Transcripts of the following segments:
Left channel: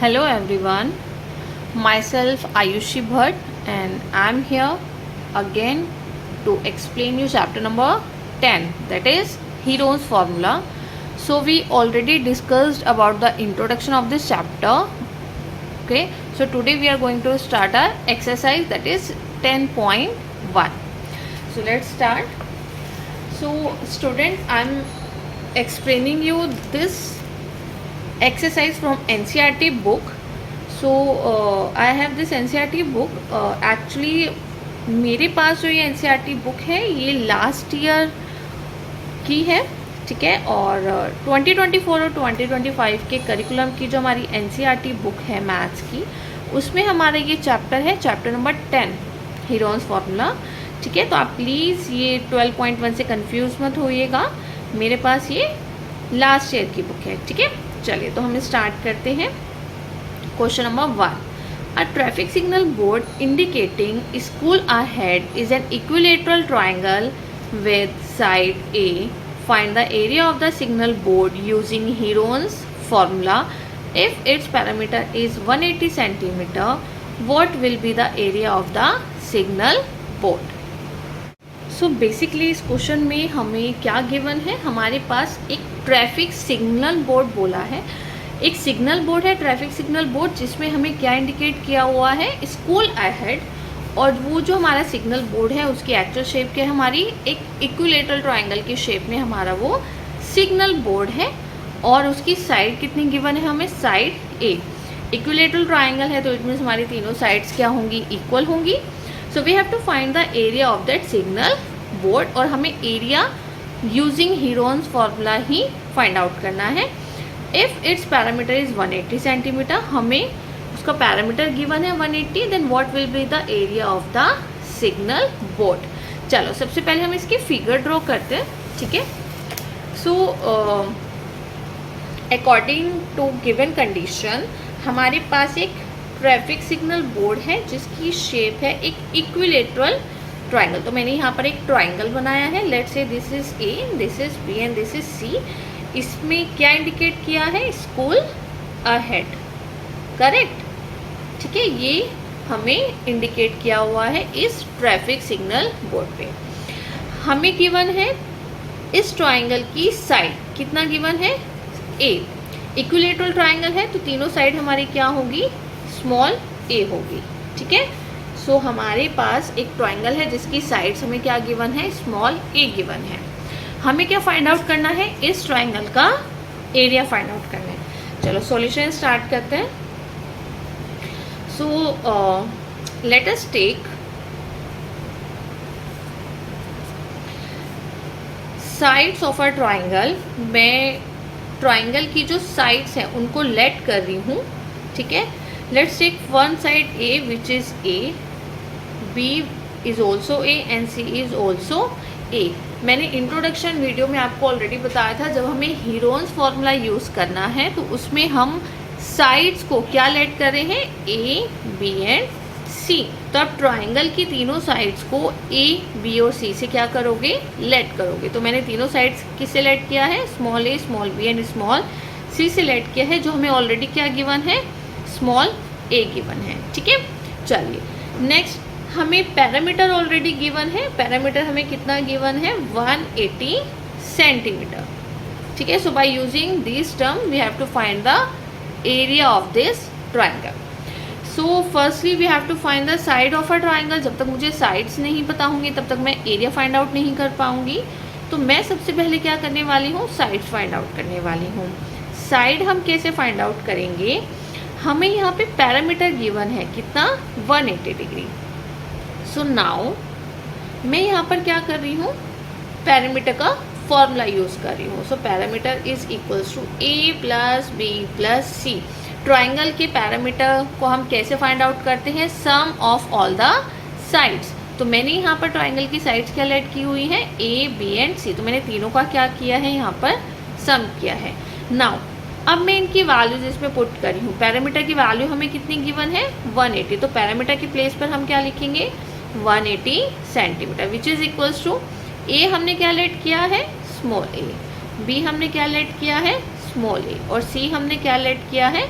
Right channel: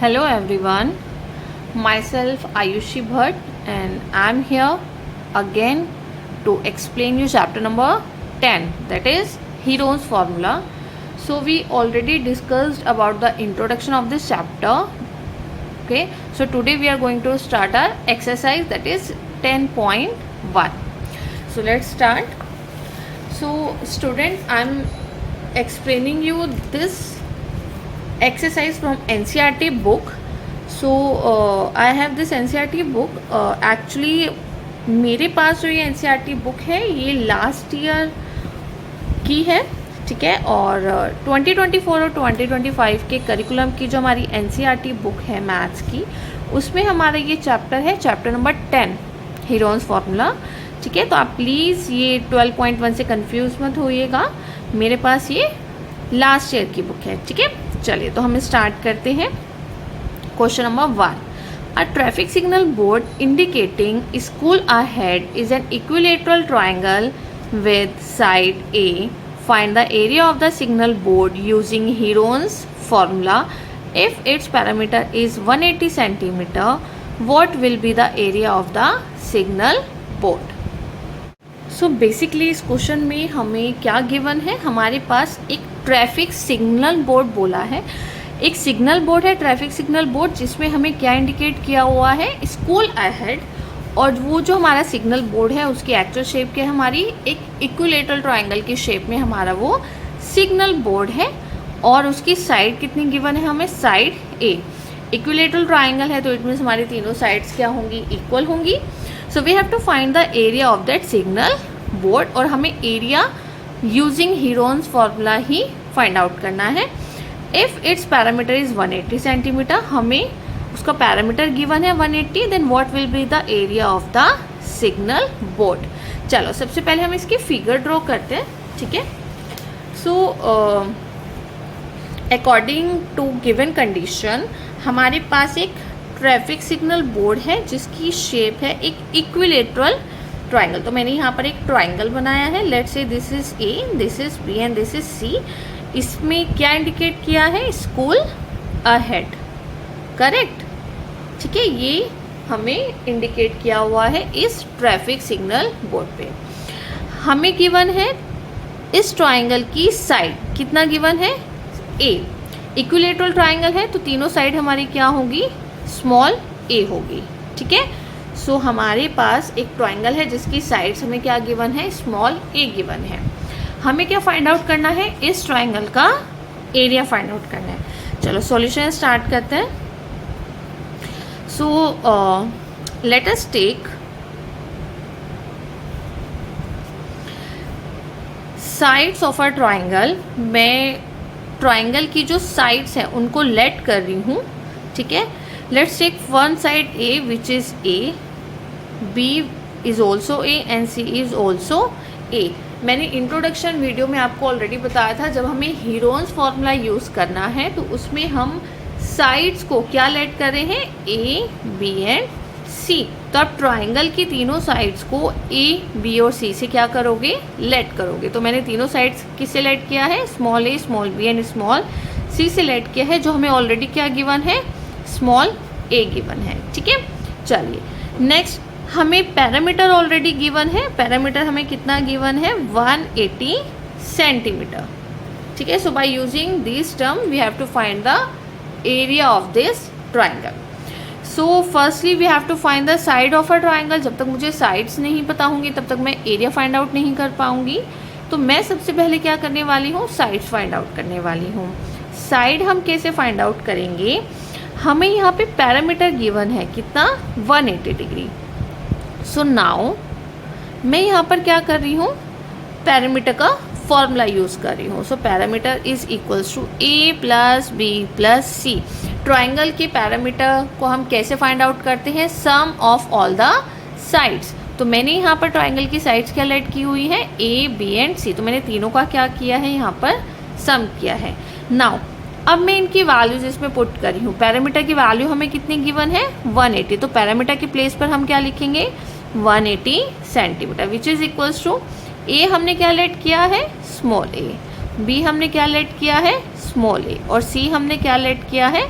Hello everyone, myself Ayushi Bhatt and I'm here again to explain you chapter number 10, that is Heron's formula. So we already discussed about the introduction of this chapter. Okay, so today we are going to start our exercise, that is 10.1. So let's start. So student, I'm explaining you this exercise from NCERT book. So I have this NCERT book. Actually मेरे पास जो ये NCERT book है ये last year की है, ठीक है, और 2024 और 2025 के करिकुलम की जो हमारी NCERT बुक है मैथ्स की, उसमें हमारा ये चैप्टर है, चैप्टर नंबर 10 हीरोन्स फार्मूला, ठीक है। तो आप प्लीज़ ये 12.1 से कंफ्यूज मत होइएगा, मेरे पास ये लास्ट ईयर की बुक है, ठीक है। चलिए तो हम स्टार्ट करते हैं। Question number 1, a traffic signal board indicating school ahead is an equilateral triangle with side A, find the area of the signal board using Heron's formula. If it's parameter is 180 centimetre, what will be the area of the signal board. So basically इस question में हमें क्या given है, हमारे पास एक traffic signal board बोला है, एक सिग्नल बोर्ड है, ट्रैफिक सिग्नल बोर्ड, जिसमें हमें क्या इंडिकेट किया हुआ है, स्कूल अहेड, और वो जो हमारा सिग्नल बोर्ड है उसकी एक्चुअल शेप क्या है, हमारी एक इक्विलेटरल ट्रायंगल की शेप में हमारा वो सिग्नल बोर्ड है, और उसकी साइड कितनी गिवन है हमें, साइड ए। इक्विलेटरल ट्रायंगल है तो इट मीन्स हमारी तीनों साइड्स क्या होंगी, इक्वल होंगी। So we have to find the area of that signal board, और हमें एरिया यूजिंग हीरोन्स फॉर्मूला ही फाइंड आउट करना है। If it's parameter is 180 centimeter, हमें उसका पैरामीटर गिवन है 180, then what will be the area of the signal board. चलो सबसे पहले हम इसकी फिगर ड्रॉ करते हैं, ठीक है। So according to given condition हमारे पास एक ट्रैफिक सिग्नल बोर्ड है जिसकी शेप है एक इक्विलेटरल ट्राइंगल। तो मैंने यहाँ पर एक ट्राइंगल बनाया है, let's say this is A, this is B and this is C. इसमें क्या इंडिकेट किया है, स्कूल अहेड, करेक्ट, ठीक है। ये हमें इंडिकेट किया हुआ है इस ट्रैफिक सिग्नल बोर्ड पे। हमें गिवन है इस ट्राइंगल की साइड, कितना गिवन है, ए। इक्विलेटरल ट्राइंगल है तो तीनों साइड हमारी क्या होगी, स्मॉल ए होगी, ठीक है। सो हमारे पास एक ट्राइंगल है जिसकी साइड्स हमें क्या गिवन है, स्मॉल ए गिवन है। हमें क्या फाइंड आउट करना है, इस ट्राइंगल का एरिया फाइंड आउट करना है। चलो सॉल्यूशन स्टार्ट करते हैं। So let us take sides of a triangle. मैं ट्राइंगल की जो साइड्स हैं उनको लेट कर रही हूँ, ठीक है। Let's take one side A which is A, B is also A and C is also A। मैंने इंट्रोडक्शन वीडियो में आपको ऑलरेडी बताया था, जब हमें हीरोन्स फॉर्मूला यूज़ करना है तो उसमें हम साइड्स को क्या लेट कर रहे हैं, A, B एंड C। तो आप ट्राइंगल की तीनों साइड्स को A, B और C से क्या करोगे, लेट करोगे। तो मैंने तीनों साइड्स किससे लेट किया है, small a, small b and small c से लेट किया है, जो हमें ऑलरेडी क्या गिवन है, स्मॉल a गिवन है, ठीक है। चलिए नेक्स्ट, हमें पैरामीटर ऑलरेडी गिवन है, पैरामीटर हमें कितना गिवन है, 180 सेंटीमीटर, ठीक है। So by using this term we have to find the area of this triangle. So firstly we have to find the side of a triangle. जब तक मुझे sides नहीं पता होंगी तब तक मैं एरिया फाइंड आउट नहीं कर पाऊंगी, तो मैं सबसे पहले क्या करने वाली हूँ, साइड्स फाइंड आउट करने वाली हूँ। साइड हम कैसे फाइंड आउट करेंगे, हमें यहाँ पे पैरामीटर गिवन है कितना, 180 डिग्री। सो नाउ मैं यहाँ पर क्या कर रही हूँ, पैरामीटर का फॉर्मूला यूज कर रही हूँ। So parameter is equals to A plus B plus C. Triangle के पैरामीटर को हम कैसे फाइंड आउट करते हैं, sum of all the sides. तो मैंने यहाँ पर ट्राइंगल की साइड्स क्या लेट की हुई है, ए, बी एंड सी। तो मैंने तीनों का क्या किया है, यहाँ पर सम किया है। नाउ अब मैं इनकी वैल्यूज इसमें पुट कर रही हूँ। पैरामीटर की वैल्यू हमें कितनी गिवन है, 180। तो पैरामीटर की प्लेस पर हम क्या लिखेंगे, 180 centimetre, which is equals to A हमने क्या लेट किया है, स्मॉल ए, बी हमने क्या लेट किया है, स्मॉल ए, और सी हमने क्या लेट किया है,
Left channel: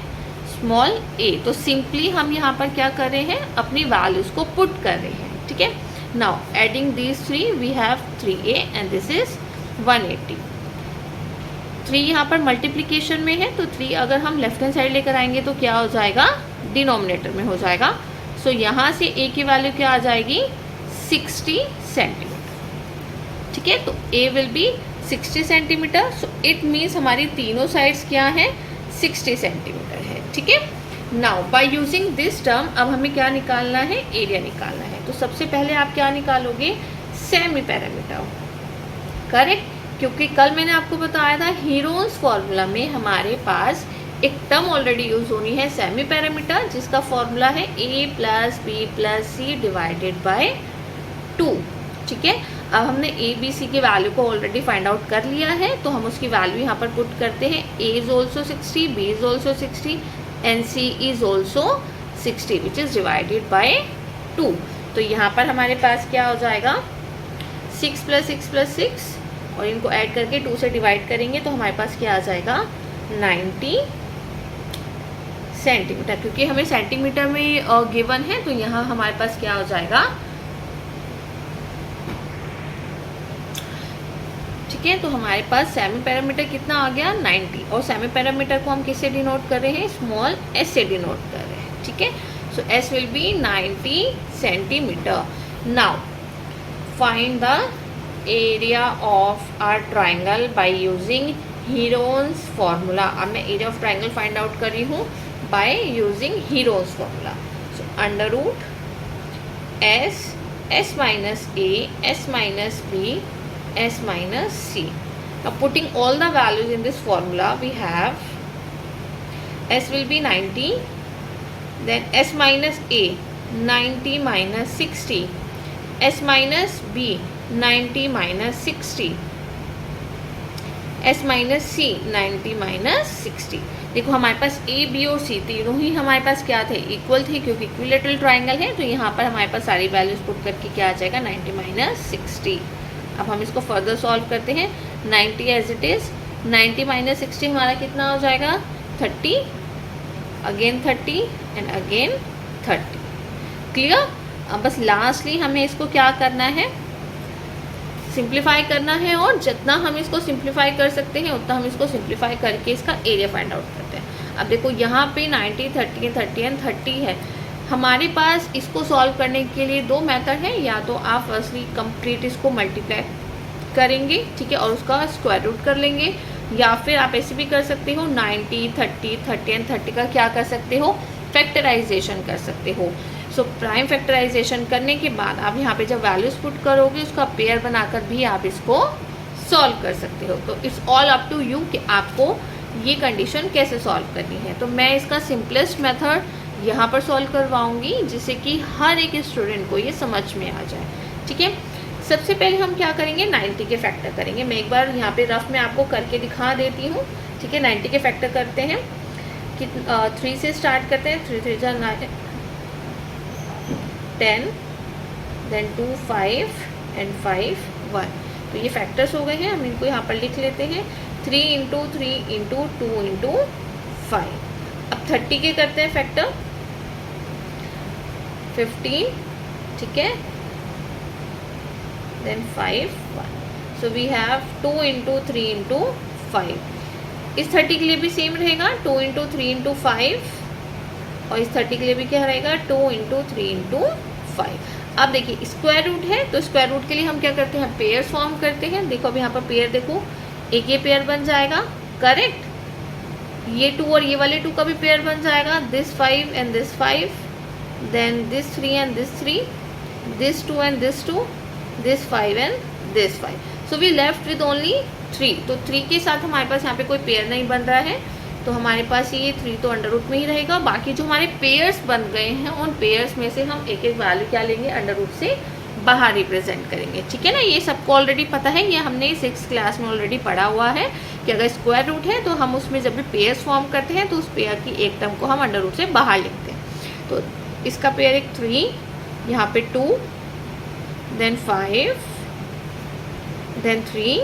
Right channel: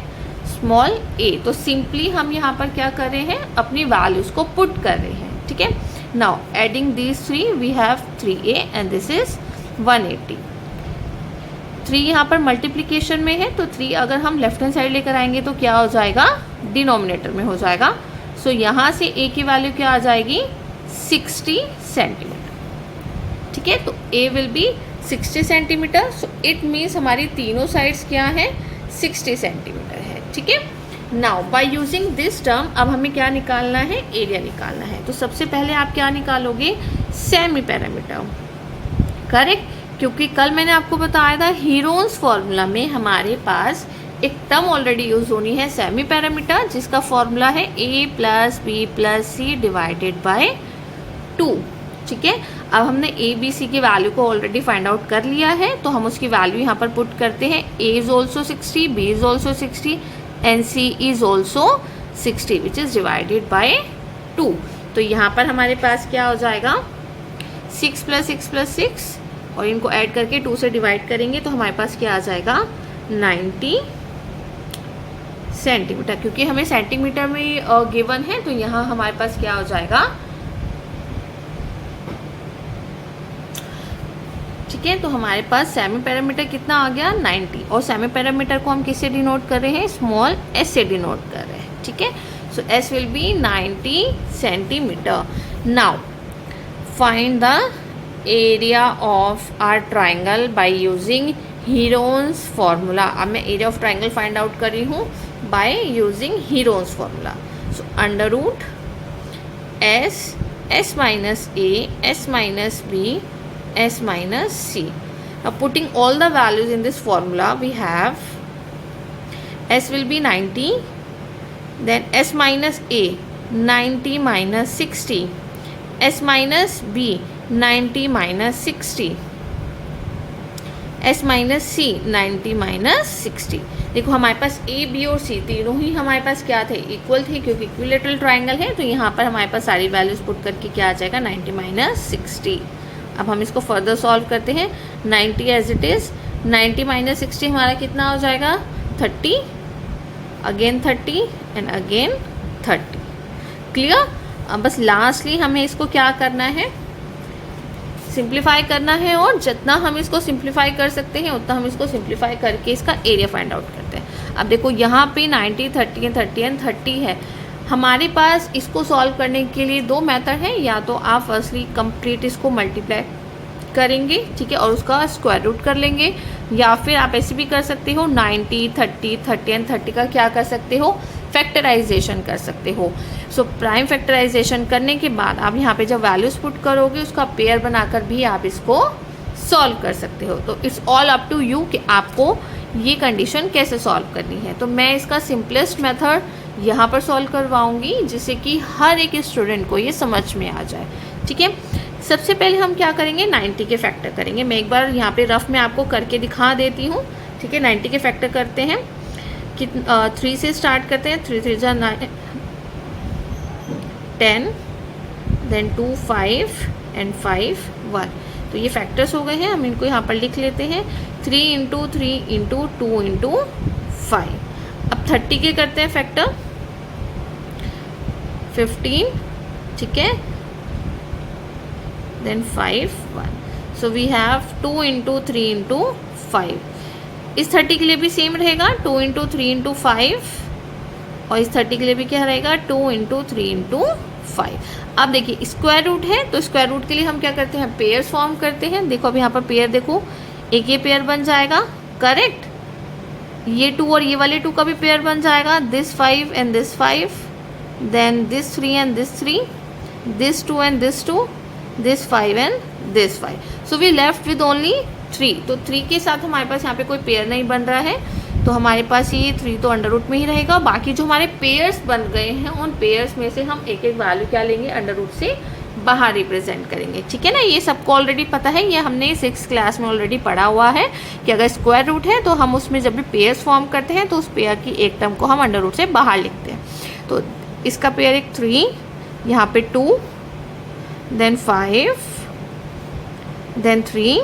स्मॉल a। तो सिंपली हम यहाँ पर क्या कर रहे हैं, अपनी वैल्यूज को पुट कर रहे हैं, ठीक है। Now adding these 3 we have 3a and this is 180। 3 यहाँ पर मल्टीप्लीकेशन में है, तो 3 अगर हम लेफ्ट हैंड साइड लेकर आएंगे तो क्या हो जाएगा, डिनोमिनेटर में हो जाएगा। सो यहाँ से a की वैल्यू क्या आ जाएगी, 60 सेंटीमीटर, ठीक है। तो a will be 60 centimetre. So it means हमारी तीनों साइड्स क्या है, 60 सेंटीमीटर है, ठीक है। Now bye using this term अब हमें क्या निकालना है, एरिया निकालना है। तो सबसे पहले आप क्या निकालोगे, सेमी पैरामीटर, करेक्ट। क्योंकि कल मैंने आपको बताया था हीरोन्स फॉर्मूला में हमारे पास एक टर्म ऑलरेडी यूज होनी है, सेमी पैरामीटर, जिसका फॉर्मूला है a plus B plus C divided by 2, ठीक है। अब हमने a b c की वैल्यू को ऑलरेडी फाइंड आउट कर लिया है, तो हम उसकी वैल्यू यहाँ पर पुट करते हैं। a is also 60, b is also 60 and c is also 60 which is divided by 2। तो यहाँ पर हमारे पास क्या हो जाएगा, 6 प्लस 6 और इनको ऐड करके 2 से डिवाइड करेंगे तो हमारे पास क्या आ जाएगा, 90 सेंटीमीटर। क्योंकि हमें सेंटीमीटर में गिवन है तो यहाँ हमारे पास क्या हो जाएगा, ठीक है। तो हमारे पास सेमी पैरामीटर कितना आ गया, 90। और सेमी पैरामीटर को हम किससे डिनोट कर रहे हैं, स्मॉल s से डिनोट कर रहे हैं, ठीक है। So s will be 90 centimeter. Now find the area of our triangle by using Heron's formula. अब मैं area of triangle find out कर रही हूँ by using Heron's formula. So under root s minus a, s minus b, s minus c. Now putting all the values in this formula, we have s will be 90, then s minus a 90 minus 60, s minus b 90 minus 60, s minus c 90 minus 60। देखो हमारे पास a, b और c तीनों ही हमारे पास क्या थे, equal थे, क्योंकि equilateral triangle है। तो यहाँ पर हमारे पास सारी वैल्यूज पुट करके क्या आ जाएगा, 90 माइनस 60। अब हम इसको फर्दर सॉल्व करते हैं। 90 एज इट इज, 90 माइनस 60 हमारा कितना हो जाएगा, 30, अगेन 30 एंड अगेन 30। क्लियर। अब बस लास्टली हमें इसको क्या करना है, सिंप्लीफाई करना है, और जितना हम इसको सिंप्लीफाई कर सकते हैं उतना हम इसको सिंप्लीफाई करके इसका एरिया फाइंड आउट करते हैं। अब देखो यहाँ पे 90, 30 एंड 30 एंड 30 है। हमारे पास इसको सॉल्व करने के लिए दो मेथड है, या तो आप फर्स्टली कंप्लीट इसको मल्टीप्लाई करेंगे, ठीक है, और उसका स्क्वायर रूट कर लेंगे, या फिर आप ऐसे भी कर सकते हो 90, 30, 30 एंड 30 का क्या कर सकते हो, फैक्टराइजेशन कर सकते हो। सो प्राइम फैक्टराइजेशन करने के बाद आप यहाँ पे जब वैल्यूज पुट करोगे उसका पेयर बनाकर भी आप इसको सॉल्व कर सकते हो। तो it's all up to you कि आपको ये कंडीशन कैसे सॉल्व करनी है। तो मैं इसका सिंपलेस्ट मेथड यहाँ पर सॉल्व करवाऊंगी, जिससे कि हर एक स्टूडेंट को ये समझ में आ जाए, ठीक है। सबसे पहले हम क्या करेंगे, 90 के फैक्टर करेंगे। मैं एक बार यहाँ पे रफ में आपको करके दिखा देती हूँ, ठीक है। 90 के फैक्टर करते हैं कि 3 से स्टार्ट करते हैं। 3 3 जा 9, 10, देन 2 5 एंड 5 1। तो ये फैक्टर्स हो गए हैं, हम इनको यहाँ पर लिख लेते हैं। 3 इंटू 3 इंटू 2 इंटू 5। अब 30 के करते हैं फैक्टर, 15, ठीक है, then 5 1। So we have 2 into 3 into 5। इस 30 के लिए भी सेम रहेगा, 2 इंटू 3 इंटू 5, और इस 30 के लिए भी क्या रहेगा, 2 इंटू 3 इंटू 5। अब देखिए स्क्वायर रूट है, तो स्क्वायर रूट के लिए हम क्या करते हैं, पेयर फॉर्म करते हैं। देखो अब यहाँ पर पेयर देखो, एक ये पेयर बन जाएगा, करेक्ट। ये 2 और ये वाले 2 का भी पेयर बन जाएगा, this 5 and this 5, then this 3 and this 3, this 2 and this 2, this 5 and this 5। So we left with only 3। तो 3 के साथ हमारे पास यहाँ पे कोई पेयर नहीं बन रहा है, तो हमारे पास ये 3 तो अंडर रूट में ही रहेगा। बाकी जो हमारे पेयर्स बन गए हैं उन पेयर्स में से हम एक एक वैल्यू क्या लेंगे, अंडर रूट से बाहर रिप्रेजेंट करेंगे, ठीक है ना। ये सबको ऑलरेडी पता है, ये हमने 6th क्लास में ऑलरेडी पढ़ा हुआ है कि अगर स्क्वायर रूट है तो हम उसमें जब भी पेयर्स फॉर्म करते हैं तो उस पेयर की एक टर्म को हम अंडर रूट से बाहर लिखते हैं। तो इसका पेयर एक 3, यहाँ पे 2, देन 5, देन 3,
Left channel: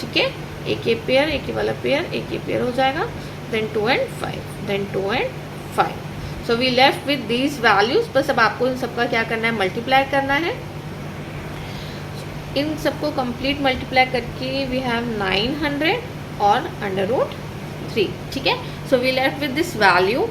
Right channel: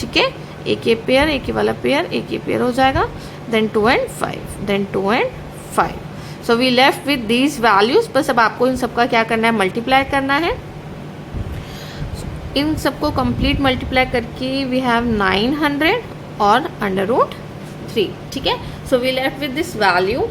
ठीक है। एक ये पेयर, एक ये वाला पेयर, एक ये पेयर हो जाएगा। then 2 and 5, then 2 and 5. So we left with these values. बस अब आपको इन सबका क्या करना है, मल्टीप्लाई करना है. इन सबको कंप्लीट मल्टीप्लाई करके वी हैव 900 और √3. ठीक है. So we left with this value.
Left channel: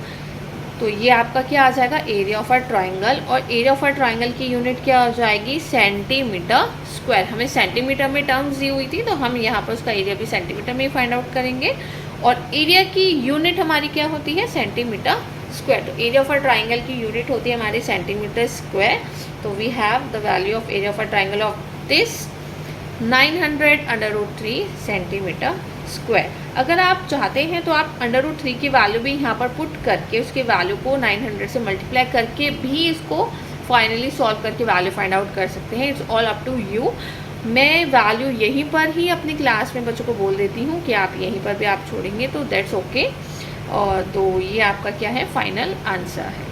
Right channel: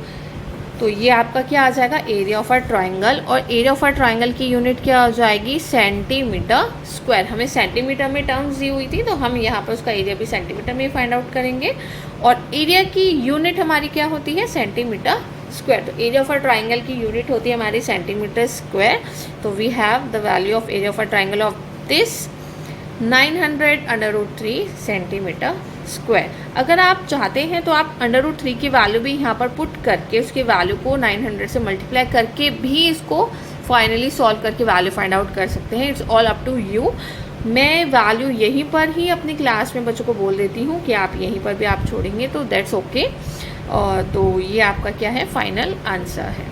तो ये आपका क्या आ जाएगा, एरिया ऑफ अ ट्राइंगल. और एरिया ऑफ अ ट्राइंगल की यूनिट क्या हो जाएगी, सेंटीमीटर स्क्वायर. हमें सेंटीमीटर में टर्म्स दी हुई थी, तो हम यहाँ पर उसका एरिया भी सेंटीमीटर में फाइंड आउट करेंगे. और एरिया की यूनिट हमारी क्या होती है, सेंटीमीटर स्क्वायर. तो एरिया ऑफ अ ट्राइंगल की यूनिट होती है हमारी सेंटीमीटर स्क्वायर. तो we have the value of area of a triangle of this 900 √3 centimeter square. अगर आप चाहते हैं तो आप √3 की वैल्यू भी यहाँ पर पुट करके उसके वैल्यू को 900 से मल्टीप्लाई करके भी इसको फाइनली सॉल्व करके वैल्यू फाइंड आउट कर सकते हैं. It's all up to you. मैं वैल्यू यहीं पर ही अपनी क्लास में बच्चों को बोल देती हूँ कि आप यहीं पर भी आप छोड़ेंगे तो दैट्स ओके. और तो ये आपका क्या है, फाइनल आंसर है.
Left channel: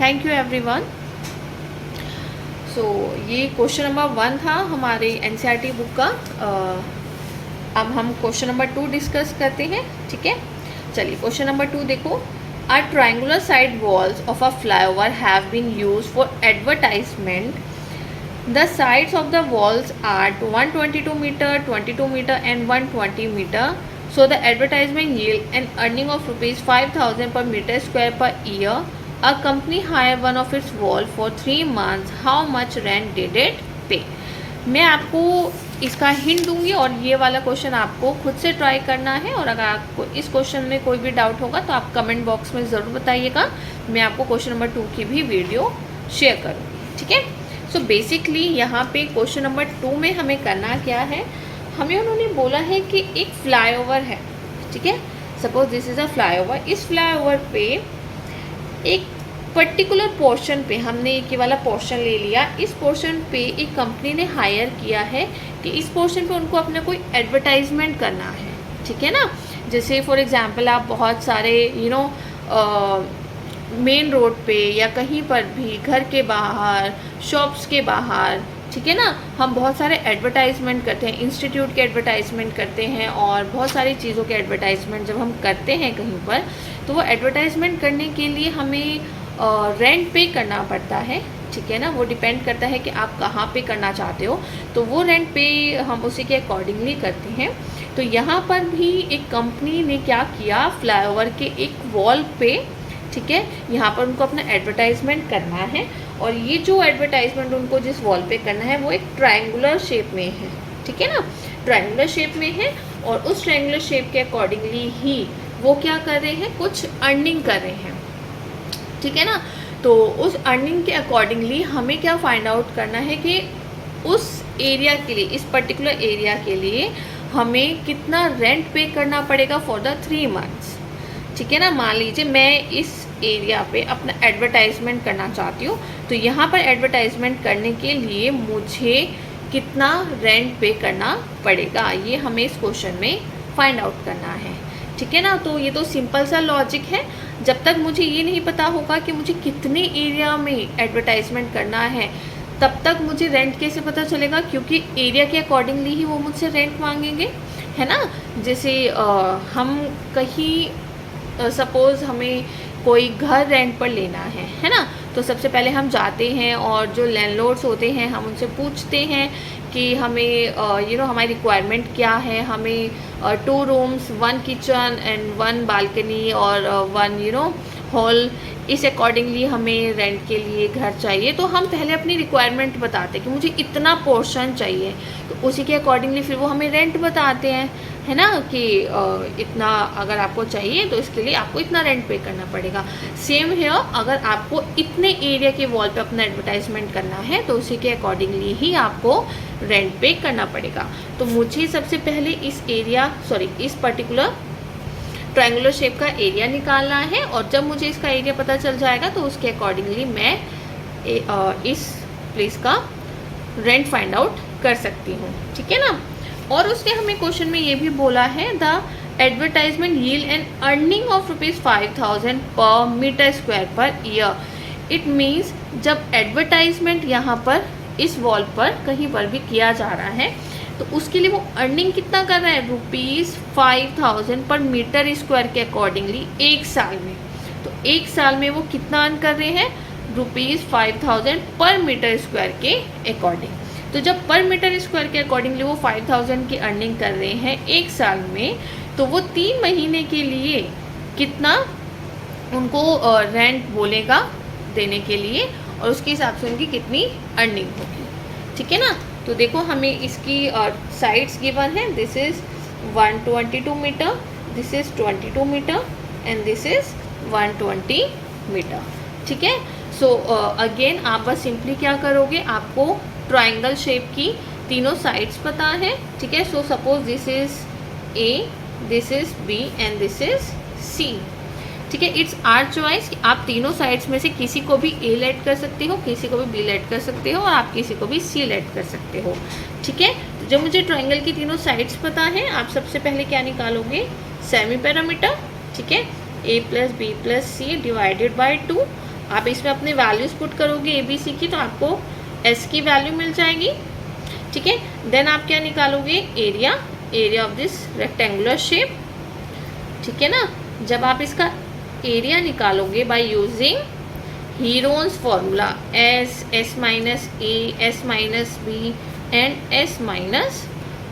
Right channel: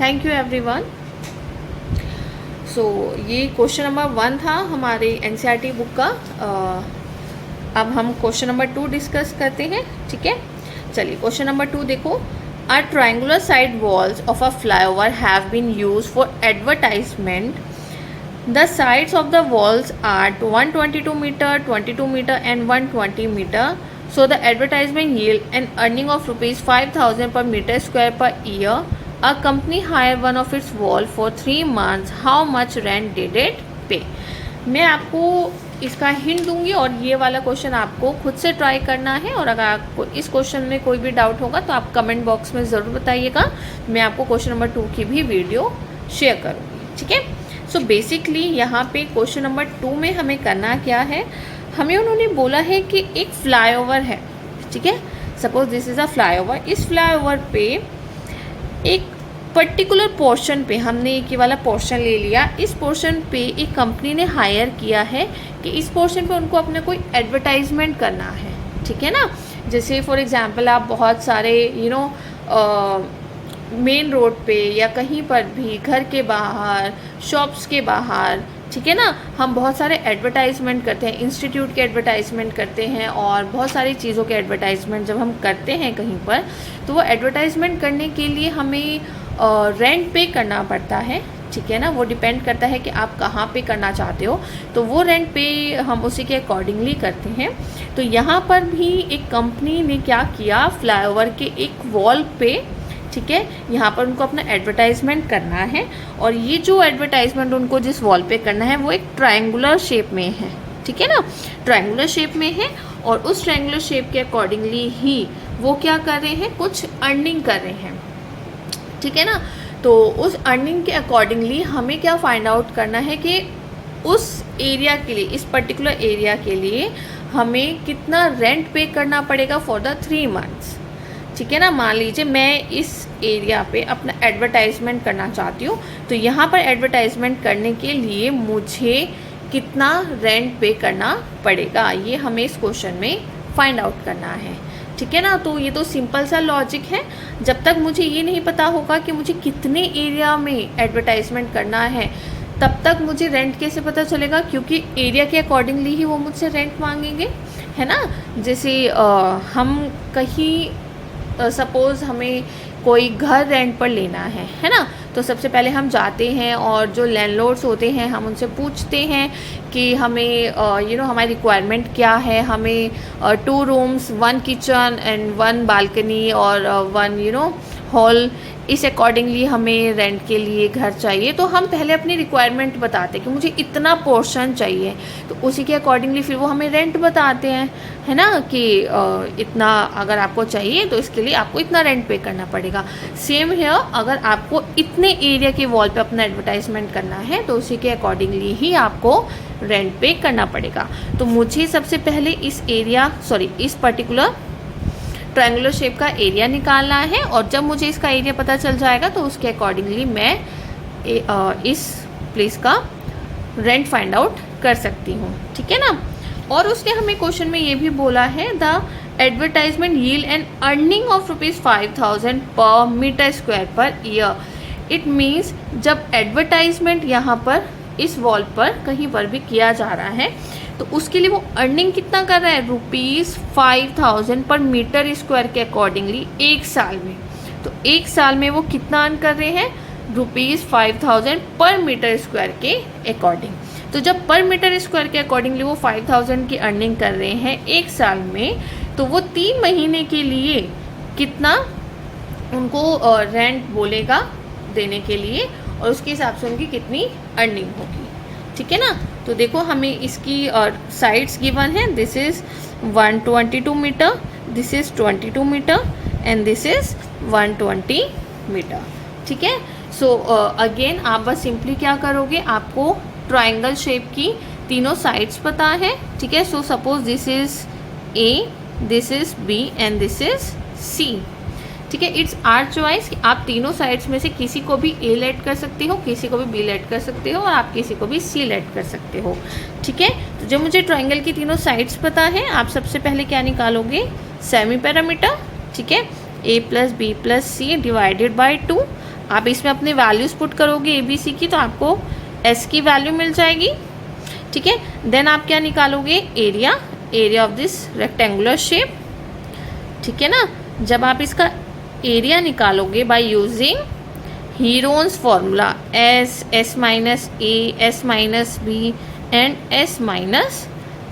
Thank you everyone. सो ये क्वेश्चन नंबर 1 था हमारे एनसीईआरटी बुक का. अब हम क्वेश्चन नंबर 2 डिस्कस करते हैं. ठीक है, चलिए क्वेश्चन नंबर 2 देखो. A triangular side walls of a flyover have been used for advertisement. The sides of the walls are 122 meter, 22 meter and 120 meter. So the advertisement yield an earning of ₹5,000 per meter square per year. A company hired one of its wall for 3 months. How much rent did it pay? मैं आपको इसका hint दूंगी और ये वाला question आपको खुद से ट्राई करना है. और अगर आपको इस क्वेश्चन में कोई भी डाउट होगा तो आप कमेंट बॉक्स में ज़रूर बताइएगा. मैं आपको क्वेश्चन नंबर 2 की भी वीडियो शेयर करूँगी. ठीक है. सो बेसिकली यहाँ पे क्वेश्चन नंबर 2 में हमें करना क्या है, हमें उन्होंने बोला है कि एक फ्लाईओवर है. ठीक है, suppose this is a flyover. इस फ्लाईओवर पे एक पर्टिकुलर पोर्शन पे हमने एक ये वाला पोर्शन ले लिया. इस पोर्शन पे एक कंपनी ने हायर किया है कि इस पोर्शन पे उनको अपना कोई एडवर्टाइजमेंट करना है. ठीक है ना. जैसे फॉर एग्जांपल आप बहुत सारे मेन रोड पे या कहीं पर भी घर के बाहर, शॉप्स के बाहर, ठीक है ना, हम बहुत सारे एडवर्टाइजमेंट करते हैं. इंस्टीट्यूट के एडवर्टाइजमेंट करते हैं और बहुत सारी चीज़ों के एडवर्टाइजमेंट जब हम करते हैं कहीं पर, तो वो एडवर्टाइजमेंट करने के लिए हमें रेंट पे करना पड़ता है. ठीक है ना. वो डिपेंड करता है कि आप कहाँ पे करना चाहते हो, तो वो रेंट पे हम उसी के अकॉर्डिंगली करते हैं. तो यहाँ पर भी एक कंपनी ने क्या किया, फ्लाईओवर के एक वॉल पे, ठीक है, यहाँ पर उनको अपना एडवर्टाइजमेंट करना है. और ये जो एडवर्टाइजमेंट उनको जिस वॉल पे करना है वो एक ट्रायंगुलर शेप में है. ठीक है ना, ट्रायंगुलर शेप में है. और उस ट्रायंगुलर शेप के अकॉर्डिंगली ही वो क्या कर रहे हैं, कुछ अर्निंग कर रहे हैं. ठीक है ना. तो उस अर्निंग के अकॉर्डिंगली हमें क्या फाइंड आउट करना है कि उस एरिया के लिए, इस पर्टिकुलर एरिया के लिए हमें कितना रेंट पे करना पड़ेगा फॉर द 3 मंथ्स. ठीक है ना. मान लीजिए मैं इस एरिया पे अपना एडवर्टाइजमेंट करना चाहती हूँ, तो यहाँ पर एडवर्टाइजमेंट करने के लिए मुझे कितना रेंट पे करना पड़ेगा, ये हमें इस क्वेश्चन में फाइंड आउट करना है. ठीक है ना. तो ये तो सिंपल सा लॉजिक है. जब तक मुझे ये नहीं पता होगा कि मुझे कितने एरिया में एडवर्टाइजमेंट करना है, तब तक मुझे रेंट कैसे पता चलेगा, क्योंकि एरिया के अकॉर्डिंगली ही वो मुझसे रेंट मांगेंगे, है ना. जैसे हम कहीं सपोज़ हमें कोई घर रेंट पर लेना है ना, तो सबसे पहले हम जाते हैं और जो लैंडलॉर्ड्स होते हैं हम उनसे पूछते हैं कि हमें हमारी रिक्वायरमेंट क्या है. हमें 2 रूम्स, 1 किचन एंड 1 बालकनी और 1 हॉल, इस अकॉर्डिंगली हमें रेंट के लिए घर चाहिए. तो हम पहले अपनी रिक्वायरमेंट बताते हैं कि मुझे इतना पोर्शन चाहिए, तो उसी के अकॉर्डिंगली फिर वो हमें रेंट बताते हैं, है ना, कि इतना अगर आपको चाहिए तो इसके लिए आपको इतना रेंट पे करना पड़ेगा. सेम है, अगर आपको इतने एरिया के वॉल पे अपना एडवर्टाइजमेंट करना है तो उसी के अकॉर्डिंगली ही आपको रेंट पे करना पड़ेगा. तो मुझे सबसे पहले इस पर्टिकुलर ट्रायंगुलर शेप का एरिया निकालना है. और जब मुझे इसका एरिया पता चल जाएगा तो उसके अकॉर्डिंगली मैं इस प्लेस का रेंट फाइंड आउट कर सकती हूँ. ठीक है ना. और उसके हमें क्वेश्चन में ये भी बोला है, the advertisement yield an earning of ₹5,000 per meter square per year. It means जब एडवर्टाइजमेंट यहाँ पर इस वॉल पर कहीं पर भी किया जा रहा है तो उसके लिए वो अर्निंग कितना कर रहा है, ₹5000 पर मीटर स्क्वायर के अकॉर्डिंगली एक साल में। तो एक साल में वो कितना अर्न कर रहे हैं, ₹5000 पर मीटर स्क्वायर के अकॉर्डिंग। तो जब पर मीटर स्क्वायर के अकॉर्डिंगली वो 5000 की अर्निंग कर रहे हैं एक साल में, तो वो 3 महीने के लिए कितना उनको रेंट बोलेगा देने के लिए, और उसके हिसाब से उनकी कितनी अर्निंग होगी। ठीक है ना। तो देखो हमें इसकी साइड्स गिवन है, this is 122 meter, this is 22 meter and this is 120 meter. ठीक है। सो अगेन आप बस सिंपली क्या करोगे, आपको ट्राइंगल शेप की तीनों साइड्स पता है। ठीक है। So suppose this is A, this is B and this is C. ठीक है। इट्स आवर चॉइस, आप तीनों साइड्स में से किसी को भी ए लेट कर सकते हो, किसी को भी बी लेट कर सकते हो, और आप किसी को भी सी लेट कर सकते हो। ठीक है। तो जब मुझे ट्राइंगल की तीनों साइड्स पता है, आप सबसे पहले क्या निकालोगे, सेमी पैरामीटर। ठीक है। A plus B plus C divided by 2। आप इसमें अपने वैल्यूज पुट करोगे ए बी सी की, तो आपको एस की वैल्यू मिल जाएगी। ठीक है। देन आप क्या निकालोगे, area, area of this rectangular shape. ठीक है ना। जब आप इसका एरिया निकालोगे by using Heron's formula, S, S minus A, S minus B and S minus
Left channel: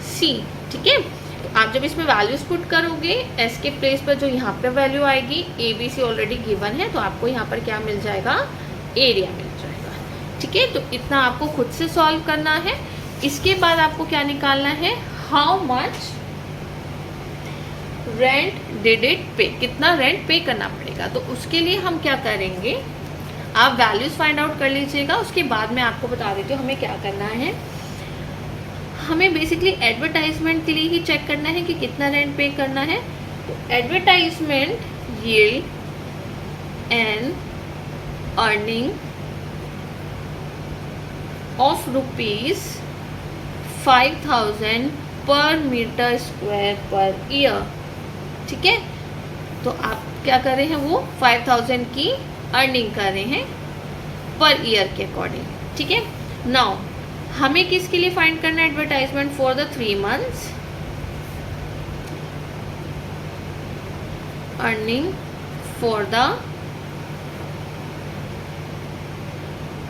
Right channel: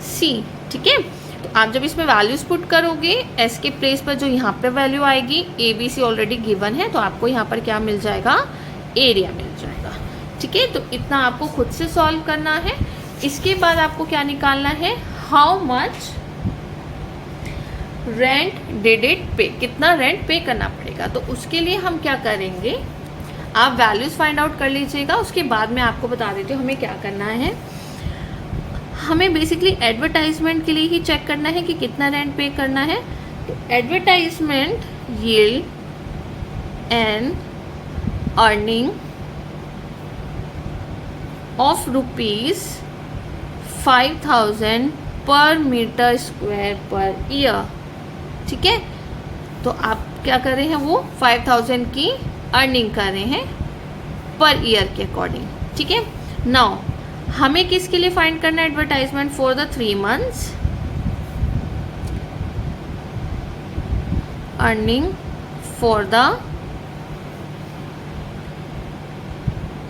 C. ठीक है। तो आप जब इसमें वैल्यूज पुट करोगे, एस के प्लेस पर जो यहाँ पर वैल्यू आएगी, A B C already given है, तो आपको यहाँ पर क्या मिल जाएगा, एरिया मिल जाएगा। ठीक है। तो इतना आपको खुद से सॉल्व करना है। इसके बाद आपको क्या निकालना है, how much rent did it पे, कितना रेंट पे करना पड़ेगा। तो उसके लिए हम क्या करेंगे, आप वैल्यूज फाइंड आउट कर लीजिएगा, उसके बाद मैं आपको बता देती हूँ हमें क्या करना है। हमें बेसिकली एडवर्टाइजमेंट के लिए ही चेक करना है कि कितना रेंट पे करना है। तो advertisement yield an earning of ₹5000 per meter square per year. ठीक है। तो आप क्या कर रहे हैं, वो 5000 की अर्निंग कर रहे हैं पर ईयर के अकॉर्डिंग। ठीक है। नाउ हमें किसके लिए फाइंड करना है, advertisement for the 3 months, earning for the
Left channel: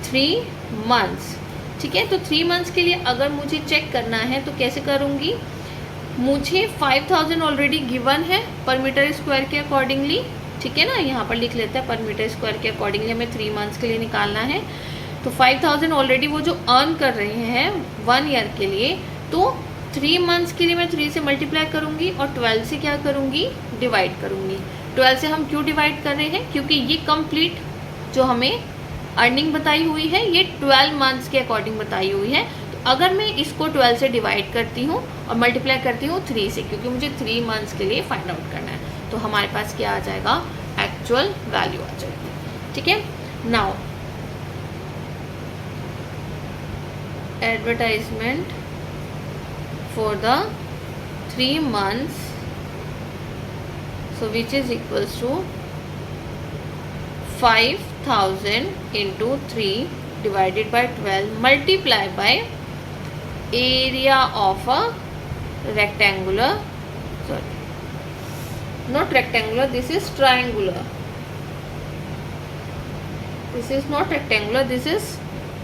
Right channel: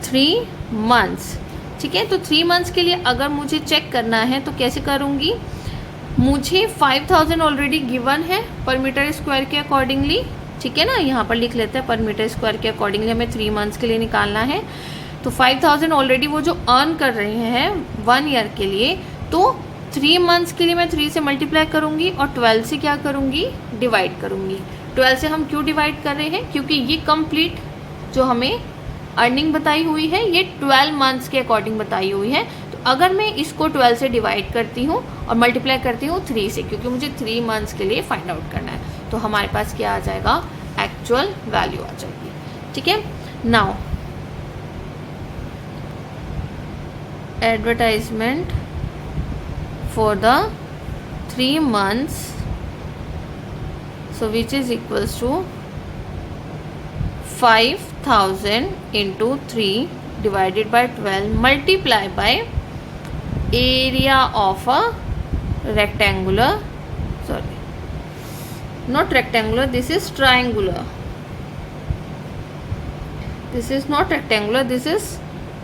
3 months. ठीक है। तो 3 मंथ्स के लिए अगर मुझे चेक करना है तो कैसे करूंगी, मुझे 5000 ऑलरेडी गिवन है पर मीटर स्क्वायर के अकॉर्डिंगली। ठीक है ना। यहाँ पर लिख लेते हैं पर मीटर स्क्वायर के अकॉर्डिंगली हमें 3 मंथ्स के लिए निकालना है। तो 5000 ऑलरेडी वो जो अर्न कर रहे हैं 1 ईयर के लिए, तो 3 मंथ्स के लिए मैं 3 से मल्टीप्लाई करूंगी और 12 से क्या करूंगी, डिवाइड करूंगी। 12 से हम क्यों डिवाइड कर रहे हैं, क्योंकि ये कंप्लीट जो हमें अर्निंग बताई हुई है ये 12 मंथ्स के अकॉर्डिंग बताई हुई है। तो अगर मैं इसको 12 से डिवाइड करती हूँ और मल्टीप्लाई करती हूँ 3 से, क्योंकि मुझे 3 मंथ्स के लिए फाइंड आउट करना है, तो हमारे पास क्या आ जाएगा, एक्चुअल वैल्यू आ जाएगी। ठीक है। Now advertisement for the 3 months, so which is equals to 5000 into 3 divided by 12 multiply by area of a rectangular, sorry not rectangular, this is triangular, this is not rectangular, this is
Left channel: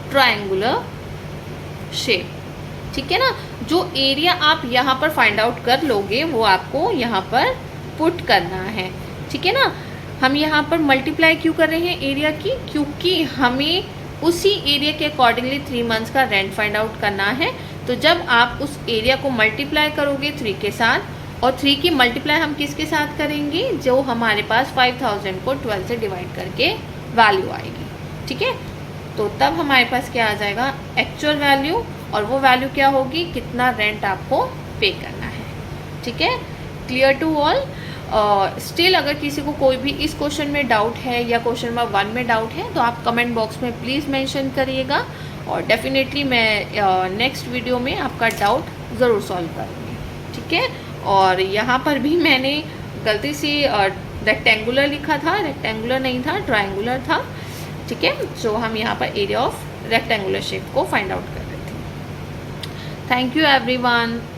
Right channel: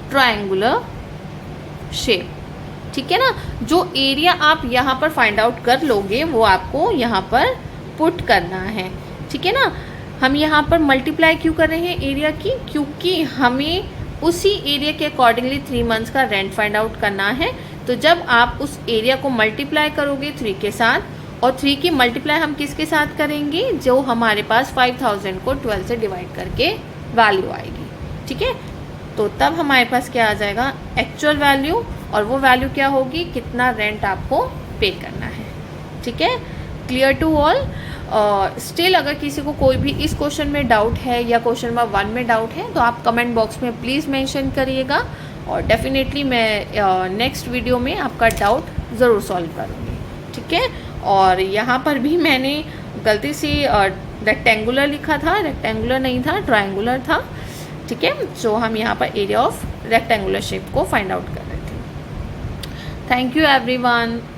triangular shape। ठीक है ना। जो area आप यहाँ पर find out कर लोगे वो आपको यहाँ पर पुट करना है। ठीक है ना। हम यहाँ पर मल्टीप्लाई क्यों कर रहे हैं एरिया की, क्योंकि हमें उसी एरिया के अकॉर्डिंगली 3 मंथ्स का रेंट फाइंड आउट करना है। तो जब आप उस एरिया को मल्टीप्लाई करोगे 3 के साथ, और 3 की मल्टीप्लाई हम किसके साथ करेंगे, जो हमारे पास 5000 को 12 से डिवाइड करके वैल्यू आएगी। ठीक है। तो तब हमारे पास क्या आ जाएगा, एक्चुअल वैल्यू, और वो वैल्यू क्या होगी, कितना रेंट आपको पे करना है। ठीक है। Clear to all. स्टिल अगर किसी को कोई भी इस क्वेश्चन में डाउट है या क्वेश्चन नंबर 1 में डाउट है तो आप कमेंट बॉक्स में प्लीज़ मेंशन करिएगा, और डेफिनेटली मैं नेक्स्ट वीडियो में आपका डाउट ज़रूर सॉल्व करूँगी। ठीक है। और यहाँ पर भी मैंने गलती से रेक्टेंगुलर लिखा था, रेक्टेंगुलर नहीं था, ट्रायंगुलर था। ठीक है। जो हम यहाँ पर एरिया ऑफ रेक्टेंगुलर शेप को फाइंड आउट कर रहे थे। Thank you everyone.